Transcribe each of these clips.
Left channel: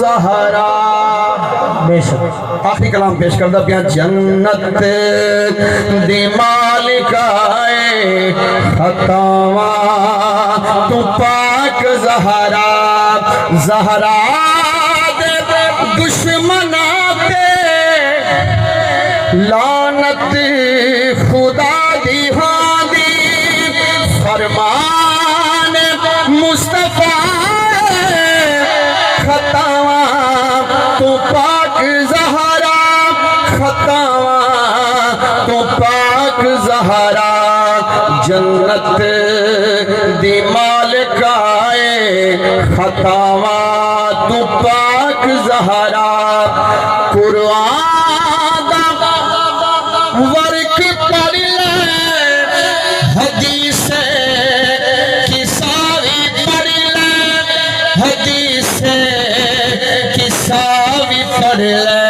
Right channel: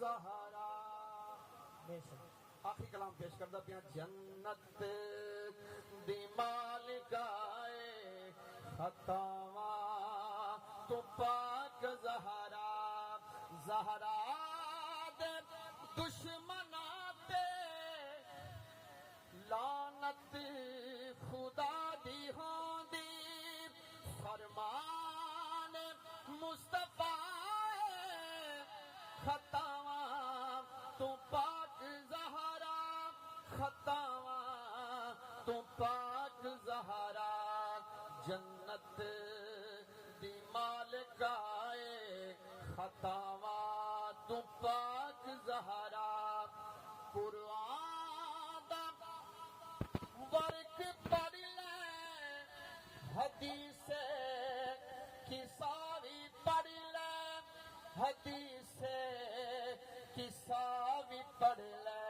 زہرا بے شک آخری کلام پیش کردہ پیا جنت دی مالکائے خطاواں تو پاک زہرا زہرا دے دشمنا پہ لعنت خدا دی ہاں دی فرمان مصطفیٰ خطاواں تو پاک زہرا خطاواں تو پاک زہرا جنت دی مالکائے خطاواں تو پاک زہرا قرآن دا ورک پڑھ لے حدیث کی ساری پڑھ لے حدیث کی ساری پڑھ لے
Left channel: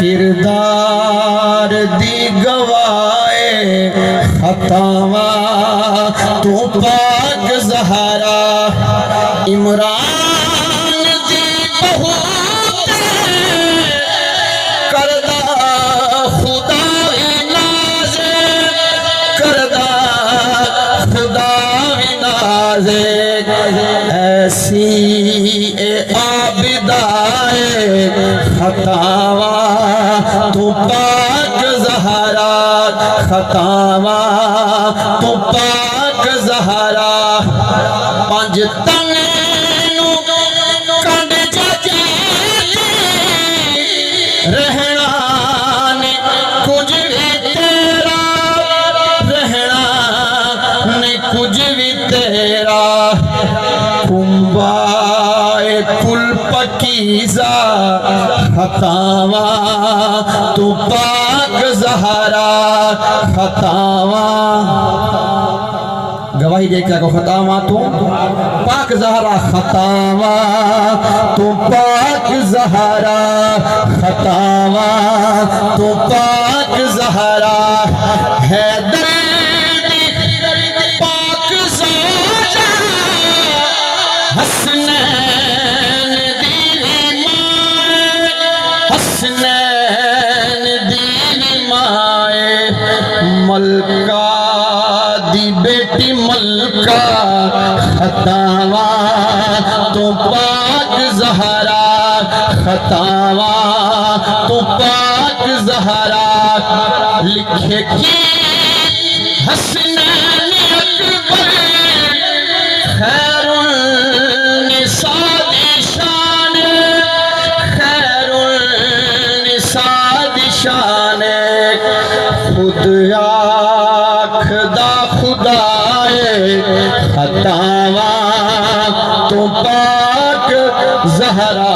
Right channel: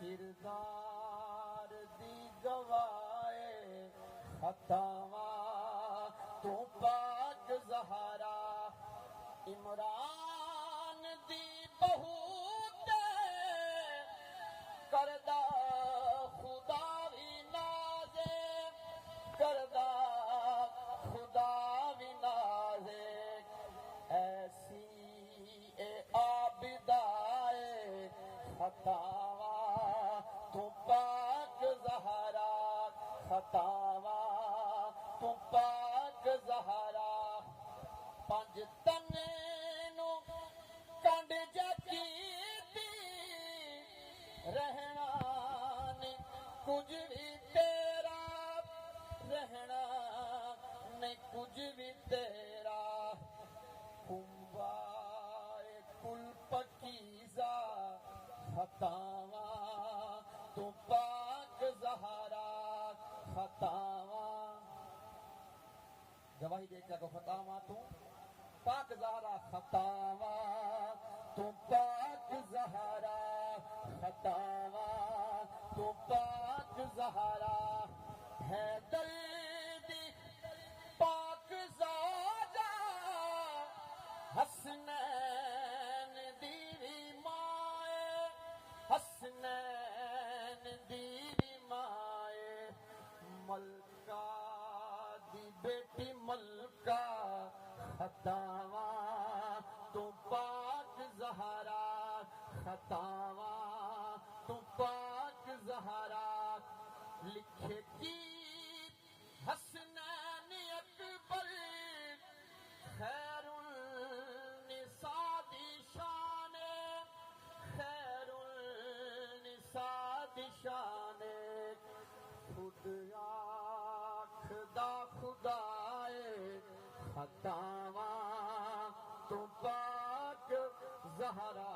کردار دی گواہے خطاواں تو پاک زہرا عمران دی بہو کردہ خدا ناز کردہ خدا ناز ایسی اے عابدائے خطاواں تو پاک زہرا خطاواں تو پاک زہرا پانچ تنینوں کنڈ جاجی رہنا نے کچھ بھی تیرا رہنا نے کچھ بھی تیرا کنبائے کل پکیزہ خطاواں تو پاک زہرا خطاواں گواہی دے کیا کو خطاواں تو پاک زہرا خطاواں تو پاک زہرا خطاواں تو پاک زہرا حیدر پاک زوجہ حسنین دیوی مائے حسنین دیوی مائے ملکہ دی بیٹی ملکہ خطاواں تو پاک زہرا خطاواں تو پاک زہرا لکھے کی حسنین اکبر خیر النساء دی شان خیر النساء دی شان خود آکھدا خدائے خطاواں تو پاک زہرا